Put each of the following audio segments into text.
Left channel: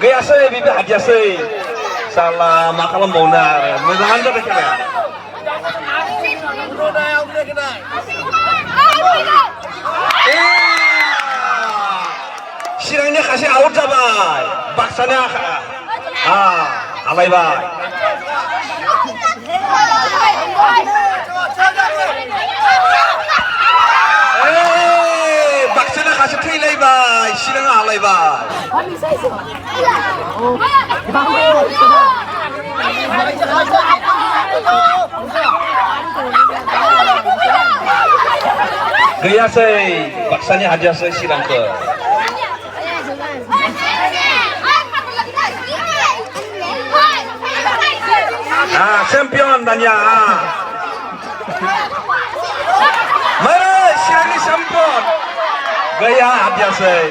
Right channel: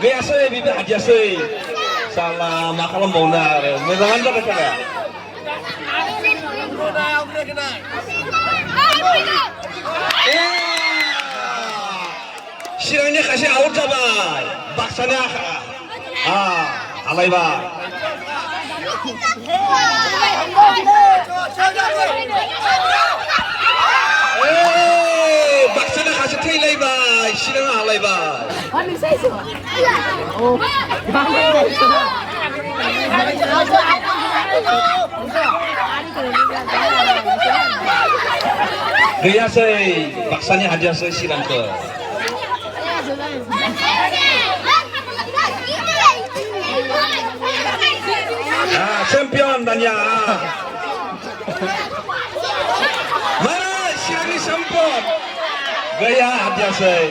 Gayasay, bibi hadiasay. Salah makalam bonar. Medangan dah kena. Sirangnya kasih out dah, baksana. Alay bay. Baksana kasih tilai bay, sirangnya alay bay. Gaya say, baksanya hadiah say sirang ke. Champion Danya. Mari sirangnya champion. Gaya hadiah say.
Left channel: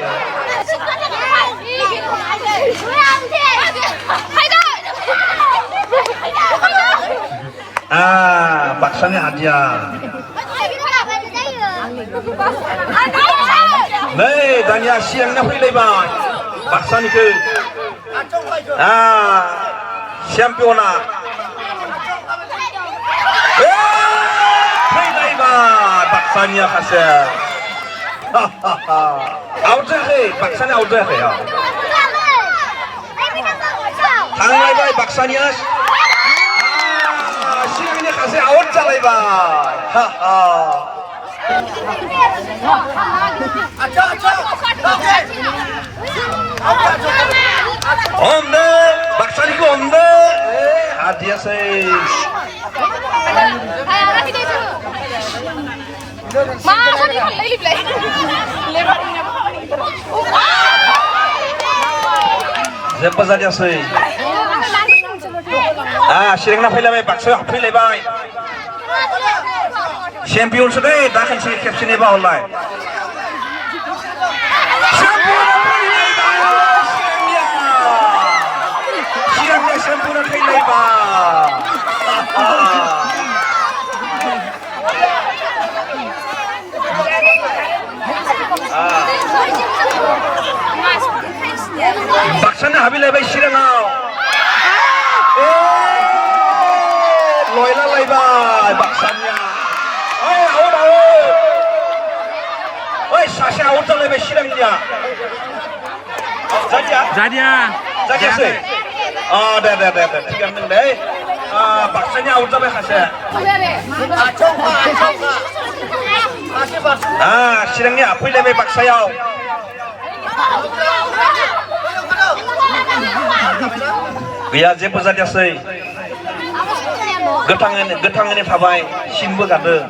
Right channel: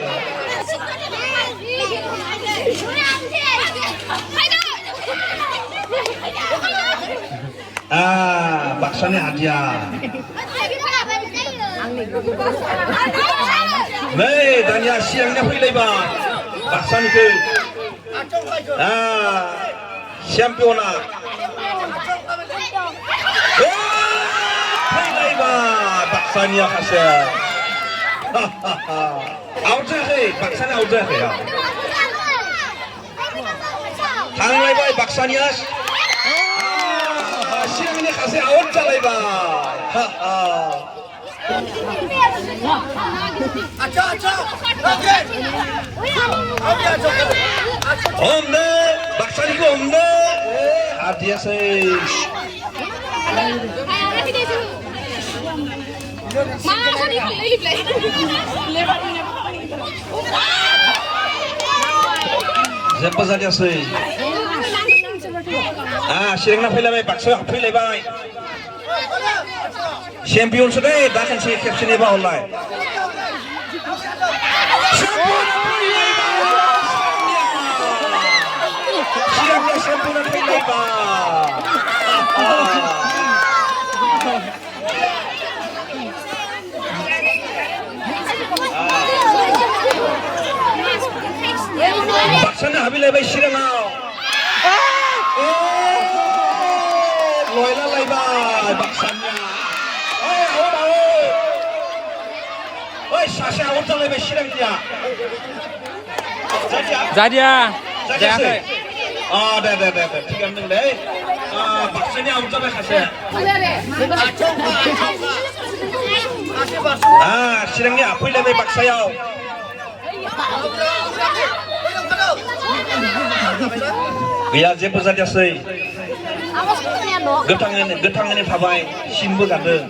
Baksanya hadiah. Nih, Danya siangnya pilih bang. Baksan ke. Championa. Pilih bang. Baksanya kasih. Out deh, baksanya out deh ya. Tangan bay baksanya. Siangnya kasih out jalai bay. Omne, baksani ku omne. Hadiah say. Siapa saja say. Sering nak filem baksa filem bay. Champion sudah, dah kan si captain iba online. Champion iba. Baksana habil iba sirang now. Loyla iba baksanya. Sasha out dah lebih sirang dia. Zadia. Sih. Dah. Tiga menit deh. Baksanya out dah kasih. Sirangnya apa lebih baksanya? Biar je saja sih. Getang ini tabai, simbo kade.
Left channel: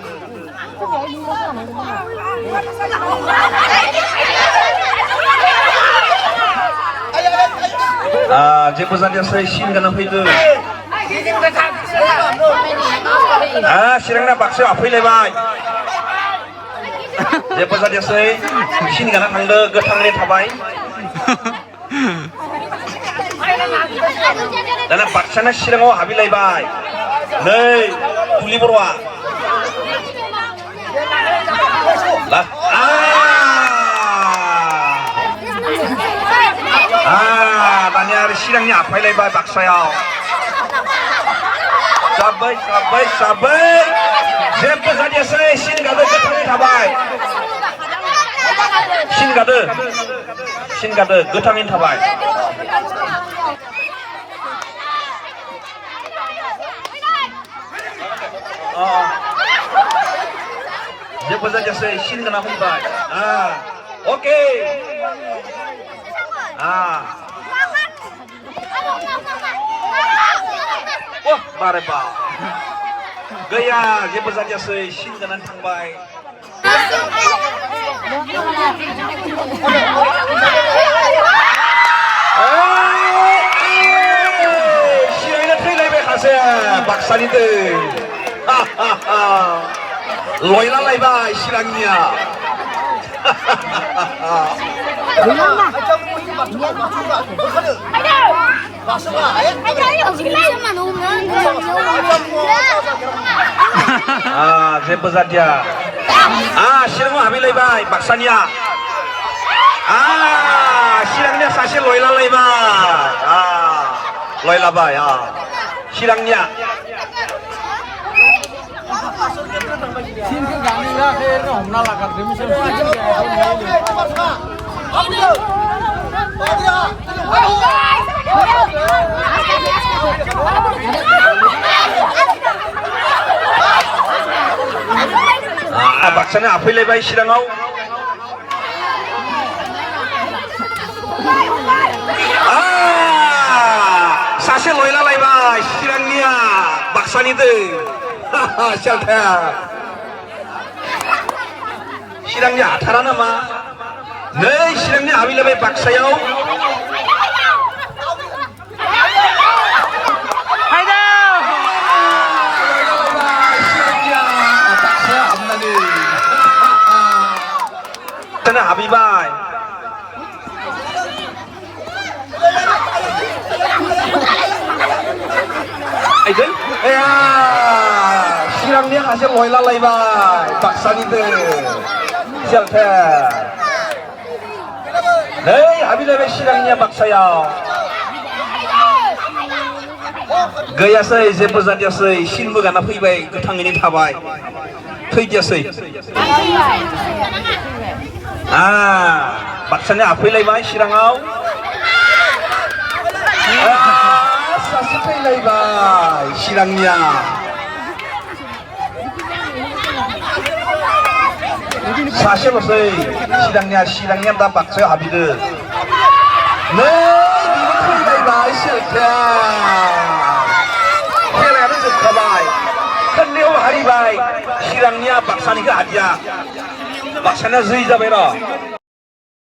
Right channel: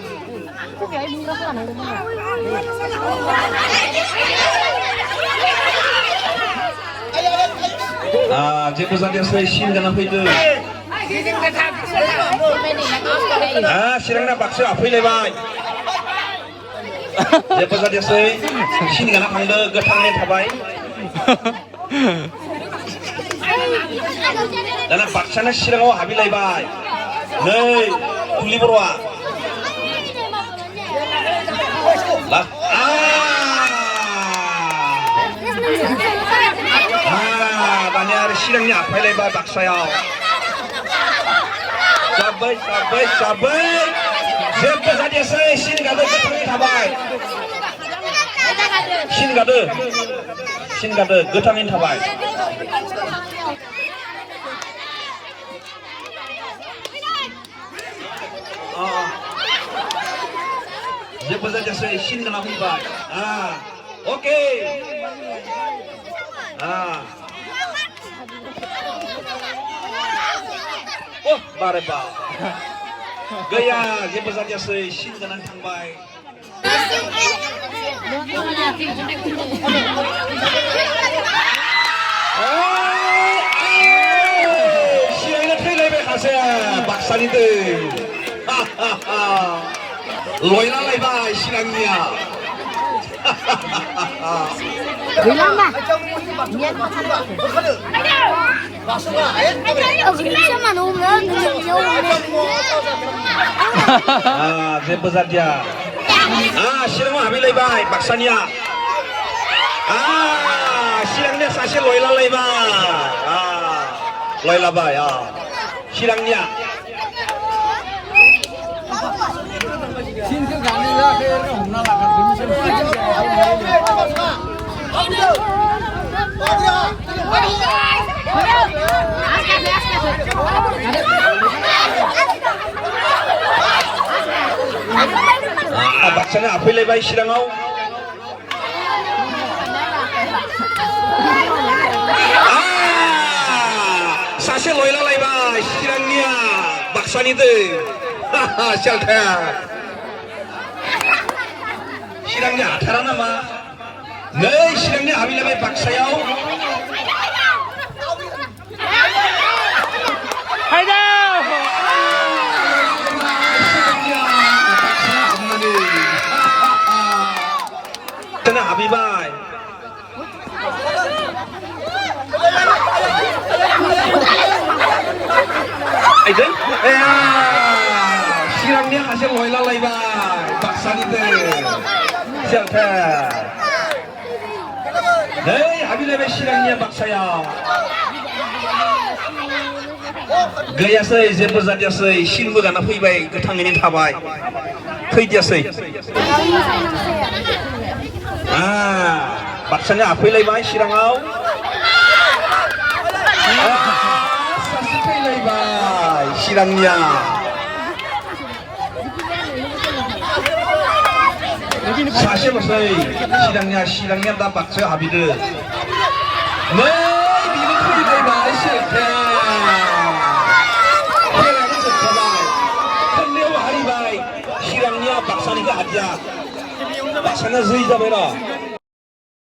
Je saja sih sim kena hidup. Sirangnya bakso apa lebih? Je saja sih sim kena tangde getang ini tabai. Dan baksana sirang habil lebih. Nih, tuli berwa. Lah, tanya sirangnya apa lebih baksaya? Sabai. Siapa saja saya sini kado getang tabai. Sini kado getangin tabai. Siapa saja saya sini kena tabai. Oke. Wah, bareba. Gaya, siapa saja saya sini kena tabai. Siangnya pilih bekasnya baksan itu. Loyla lebih silangnya. Bilang mah. Siapa saja. Sirang habil lebih baksannya. 시랑냐 사실 로이랄라이마. 로이라바야. 시랑냐. Xin cái gắn đi ra cái hổng nào là cả đứng xem 박사는 앞에 레바이 시랑하오. 사실 로이랄라이마 시랑냐 박사니들. 샬타야. 시랑냐 타라나마. 네 시랑냐 아빌레바이 박사요. 저는 아비바이. 이제? 시랑냐 하실 로이랄라이바이 박사니들. 샬타. 네 아빌레바이 시랑냐 박사야. गैयासै जेबो जादियासै सिनबो गाना फैबाय गोथाङैनो थाबाय फैदियासै बाक्सानि आफैलायबाय चिराङाव सासे फैलायबाय चिरांनिया सासेल'सै चिरांनिया दा बाक्सायाव हाबहैदो नै बिबो फैलायबाय सेलखाया हारिबाय चिरांनिया बाक्सानिखौ हादिया बाक्सानिया जै जाबाय र'